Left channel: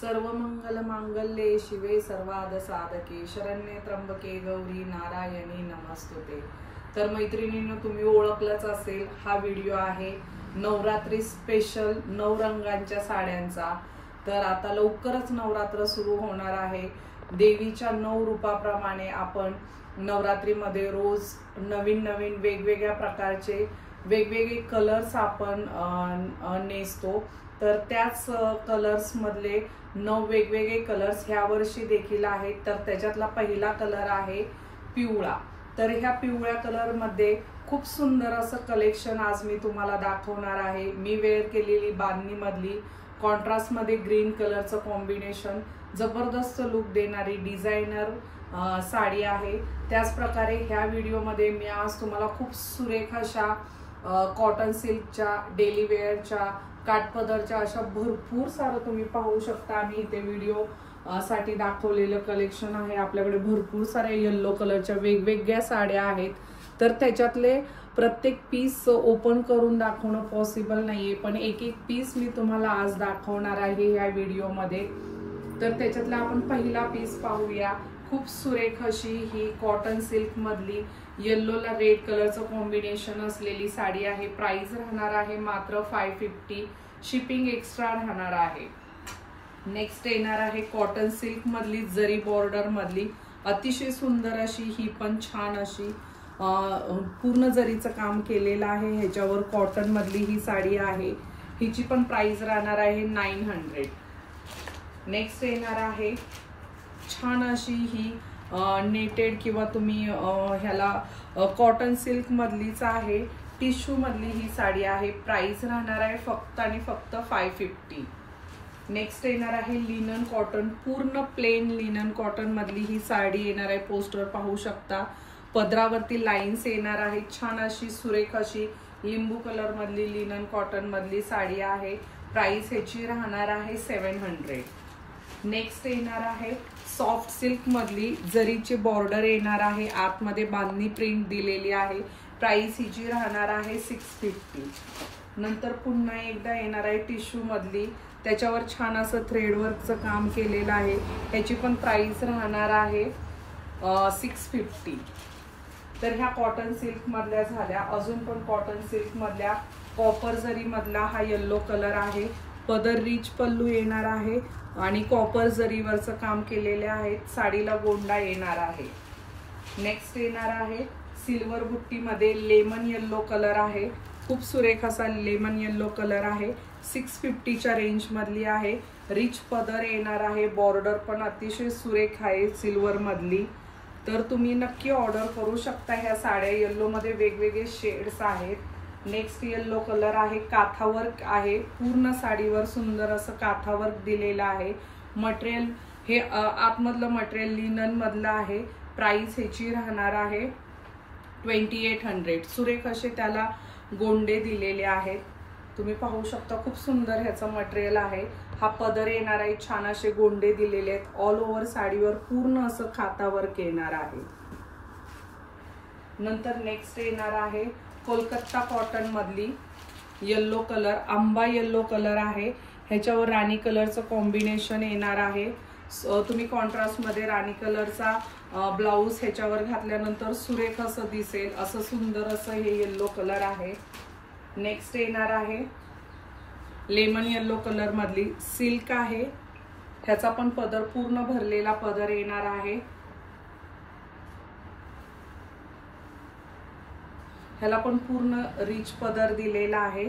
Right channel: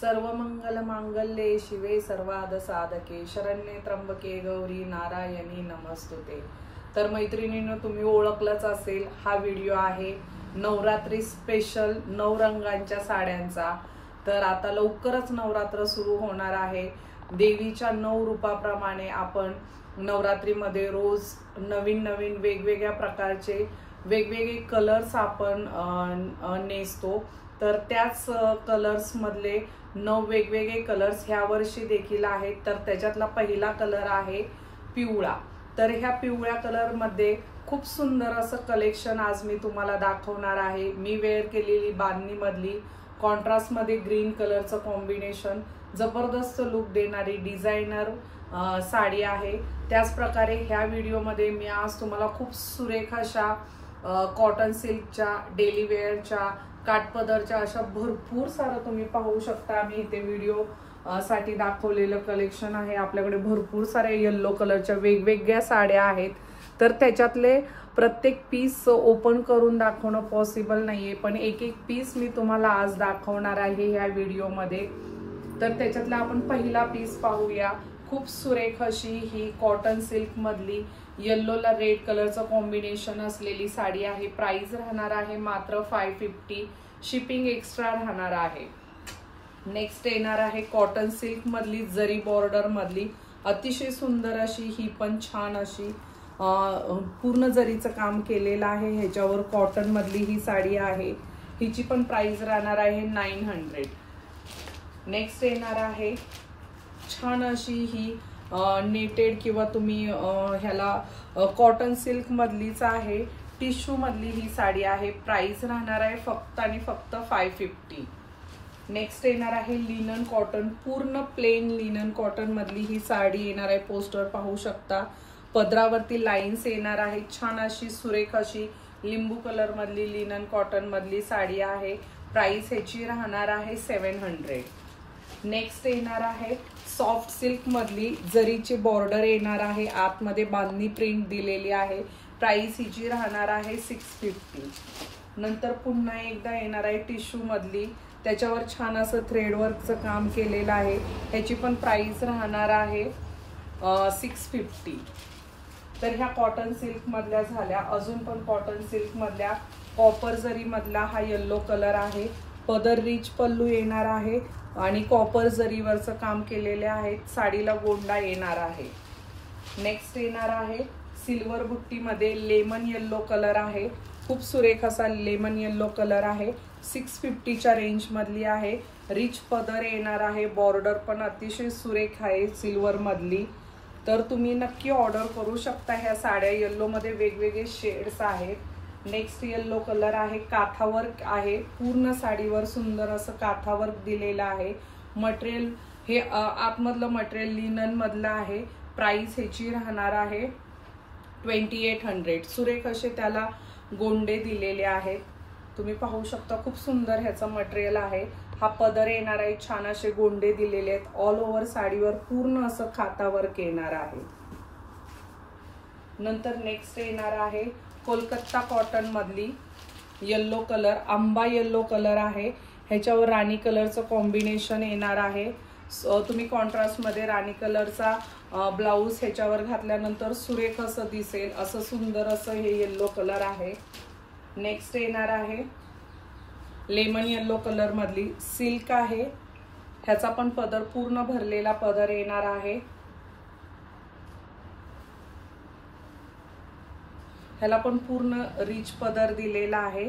सर्व मंगल मांगल्ये शिवे सर्वाद साधके शरण्ये त्र्यंबके गौरी नारायणी नमस्तुते। तर मैत्रिणींनो, तुम्ही ओळखलंच असेल, हा व्हिडिओ आहे नवरात्री स्पेशल 9 रंगांच्या साड्यांचा। तर आता लवकरच नवरात्र सुरू होणार आहे। देवीच्या 9 रूपाप्रमाणे आपण नवरात्रीमध्ये रोज नवीन नवीन वेगवेगळ्या प्रकारचे वेगवेगळे कलर्स आपण नेसतो। तर त्याच कलर्स मधले 9 वेगवेगळे कलर्स ह्या वर्षी देखील आहेत। तर त्याच्यातला पहिला कलर आहे पिवळा। तर ह्या पिवळ्या कलर मध्ये खूप सुंदर असं कलेक्शन आज मी तुम्हाला दाखवणार आहे। मी वेअर केलेली बांधणी मधली कॉन्ट्रास्ट मध्ये ग्रीन कलरचं कॉम्बिनेशन जबरदस्त लुक देणारी डिझायनर साडी आहे। त्याच प्रकारे ह्या व्हिडिओ मध्ये मी आज तुम्हाला खूप सुरेख अशा कॉटन सिल्कच्या डेली वेअरच्या काठपदरच्या अशा भरपूर सारं तुम्ही पाहू शकता। मी इथे व्हिडिओ साठी दाखवलेलं कलेक्शन आहे। आपल्याकडे भरपूर सारे येलो कलरच्या वेगवेगळ्या साड्या आहेत। तर त्याच्यातले प्रत्येक पीस ओपन करून दाखवणं पॉसिबल नाहीये, पण एक एक पीस मी तुम्हाला आज दाखवणार आहे ह्या व्हिडिओ मध्ये। तर त्याच्यातला आपण पहिला पीस पाहूया। खूप सुरेख अशी ही कॉटन सिल्क मधली येल्लोला रेड कलरचं कॉम्बिनेशन असलेली साडी आहे। प्राइस राहणार आहे मात्र 550, शिपिंग एक्स्ट्रा राहणार आहे। नेक्स्ट येणार आहे कॉटन सिल्क मधली जरी बॉर्डर मधली अतिशय सुंदर अशी ही पण छान अशी पूर्ण जरीचं काम केलेलं आहे। ह्याच्यावर कॉटन मधली ही साडी आहे। हिची पण प्राइस राहणार आहे 900। नेक्स्ट येणार आहे छान अशी ही नेटेड किंवा तुम्ही ह्याला कॉटन सिल्क मधलीच आहे, टिश्यू मधली ही साडी आहे। प्राइस राहणार आहे फक्त आणि फक्त 550। नेक्स्ट येणार आहे लिनन कॉटन, पूर्ण प्लेन लिनन कॉटन मधली ही साडी येणार आहे। पोस्टर पाहू शकता, पदरावरती लाइन्स येणार आहे। छान अशी सुरेख अशी लिंबू कलर मधली लिनन कॉटन मधली साडी आहे। प्राइस ह्याची राहणार आहे 700। नेक्स्ट येणार आहे सॉफ्ट सिल्क मधली जरीची बॉर्डर येणार आहे, आतमध्ये बांधणी प्रिंट दिलेली आहे। प्राइस हिची राहणार आहे 650। नंतर पुन्हा एकदा येणार आहे टिश्यू मधली, त्याच्यावर छान असं थ्रेडवर्कचं काम केलेलं आहे। ह्याची पण प्राइस राहणार आहे 650। तर ह्या कॉटन सिल्क मधल्या झाल्या। अजून पण कॉटन सिल्क मधल्या कॉपर जरी मधला हा येल्लो कलर आहे। पदर रिच पल्लू येणार आहे आणि कॉपर जरीवरचं काम केलेले आहेत। साडीला गोंडा येणार आहे। नेक्स्ट येणार आहे सिल्वर बुट्टी मध्ये लेमन येल्लो कलर आहे। खूप सुरेख असा लेमन येल्लो कलर आहे। 650च्या रेंज मधली आहे। रिच पदर येणार आहे। बॉर्डर पण अतिशय सुरेख आहे सिल्वर मधली। तर तुम्ही नक्की ऑर्डर करू शकता ह्या साड्या। येल्लो मध्ये वेगवेगळे शेड्स आहेत। नेक्स्ट येल्लो कलर आहे, काथावर्क आहे। पूर्ण साडीवर सुंदर असं काथावर्क दिलेलं आहे। मटेरियल हे आतमधलं मटेरियल लिनन मधलं आहे। प्राइस ह्याची राहणार आहे 2800। सुरेख असे त्याला गोंडे दिलेले आहेत, तुम्ही पाहू शकता। खूप सुंदर ह्याचं मटेरियल आहे। हा पदर येणार आहे, छान असे गोंडे दिलेले आहेत। ऑल ओव्हर साडीवर पूर्ण असं काथावर्क येणार आहे। नंतर नेक्स्ट येणार आहे कोलकाता कॉटन मधली येल्लो कलर, आंबा येल्लो कलर आहे। ह्याच्यावर राणी कलरचं कॉम्बिनेशन येणार आहे। तुम्ही कॉन्ट्रास्ट मध्ये राणी कलरचा ब्लाउज ह्याच्यावर घातल्यानंतर सुरेख असं दिसेल, असं सुंदर असं हे येल्लो कलर आहे। नेक्स्ट येणार आहे लेमन येल्लो कलर मधली सिल्क आहे। ह्याचा पण पदर पूर्ण भरलेला पदर येणार आहे। ह्याला पण पूर्ण रिच पदर दिलेला आहे।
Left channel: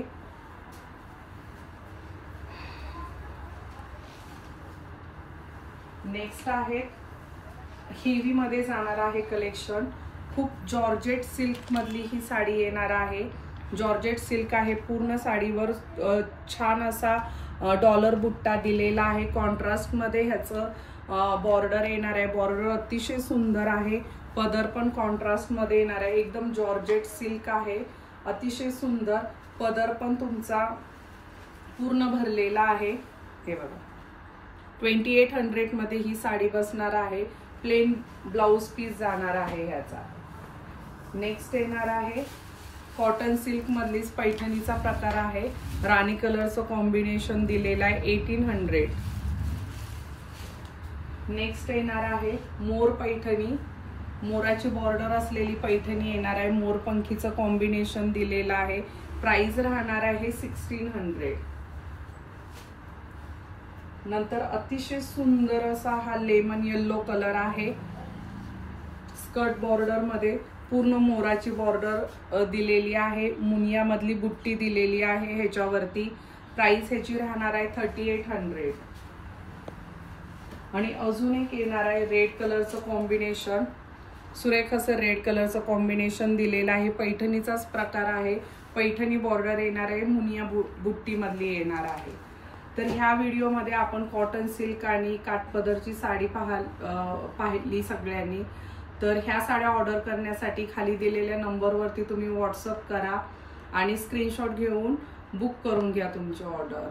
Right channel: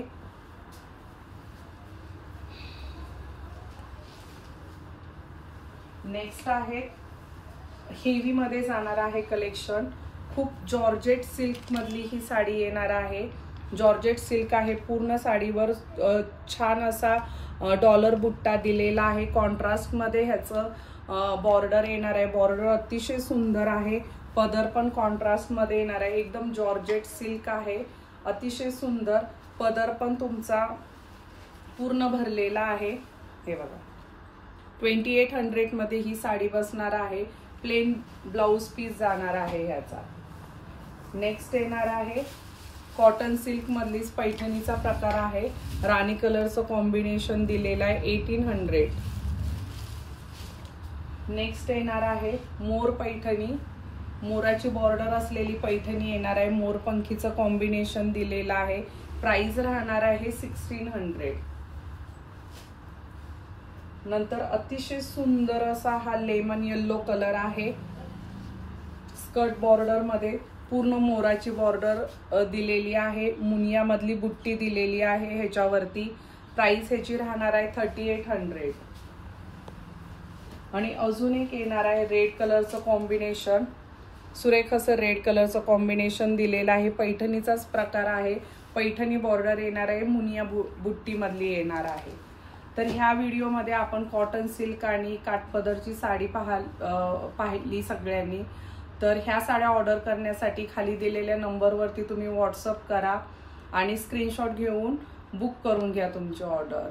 नेक्स्ट आहे हेवी मध्ये जाणार आहे कलेक्शन। खूप जॉर्जेट सिल्क मधली ही साडी येणार आहे। जॉर्जेट सिल्क आहे, पूर्ण साडीवर छान असा डॉलर बुट्टा दिलेला आहे। कॉन्ट्रास्ट मध्ये ह्याचं बॉर्डर येणार आहे। बॉर्डर अतिशय सुंदर आहे। पदर पण कॉन्ट्रास्ट मध्ये येणार आहे। एकदम जॉर्जेट सिल्क आहे, अतिशय सुंदर। पदर पण तुमचा पूर्ण भरलेला आहे। हे बघा 2800 मध्ये ही साडी बसणार आहे। प्लेन ब्लाउज पीस जाणार आहे ह्याचा। नेक्स्ट येणार आहे कॉटन सिल्क मधलीच पैठणीचा प्रकार आहे। राणी कलरचं कॉम्बिनेशन दिलेला आहे 1800। नेक्स्ट येणार आहे मोर पैठणी, मोराची बॉर्डर असलेली पैठणी येणार आहे, मोरपंखीचं कॉम्बिनेशन दिलेलं आहे। प्राइस राहणार आहे 1600। नंतर अतिशय सुंदर असा हा लेमन येल्लो कलर आहे, स्कर्ट बॉर्डर मध्ये पूर्ण मोराची बॉर्डर दिलेली आहे, मुनिया मधली बुट्टी दिलेली आहे ह्याच्यावरती। प्राइस ह्याची राहणार आहे 3800। आणि अजून एक येणार आहे रेड कलरचं कॉम्बिनेशन, सुरेख असं रेड कलरचं कॉम्बिनेशन दिलेलं आहे, पैठणीचाच प्रकार आहे, पैठणी बॉर्डर येणार आहे, मुनिया बुट्टी मधली येणार आहे। तर ह्या व्हिडिओमध्ये आपण कॉटन सिल्क आणि काठपदरची साडी पाहिली सगळ्यांनी। तर ह्या साड्या ऑर्डर करण्यासाठी खाली दिलेल्या नंबरवरती तुम्ही व्हॉट्सअप करा आणि स्क्रीनशॉट घेऊन बुक करून घ्या तुमची ऑर्डर।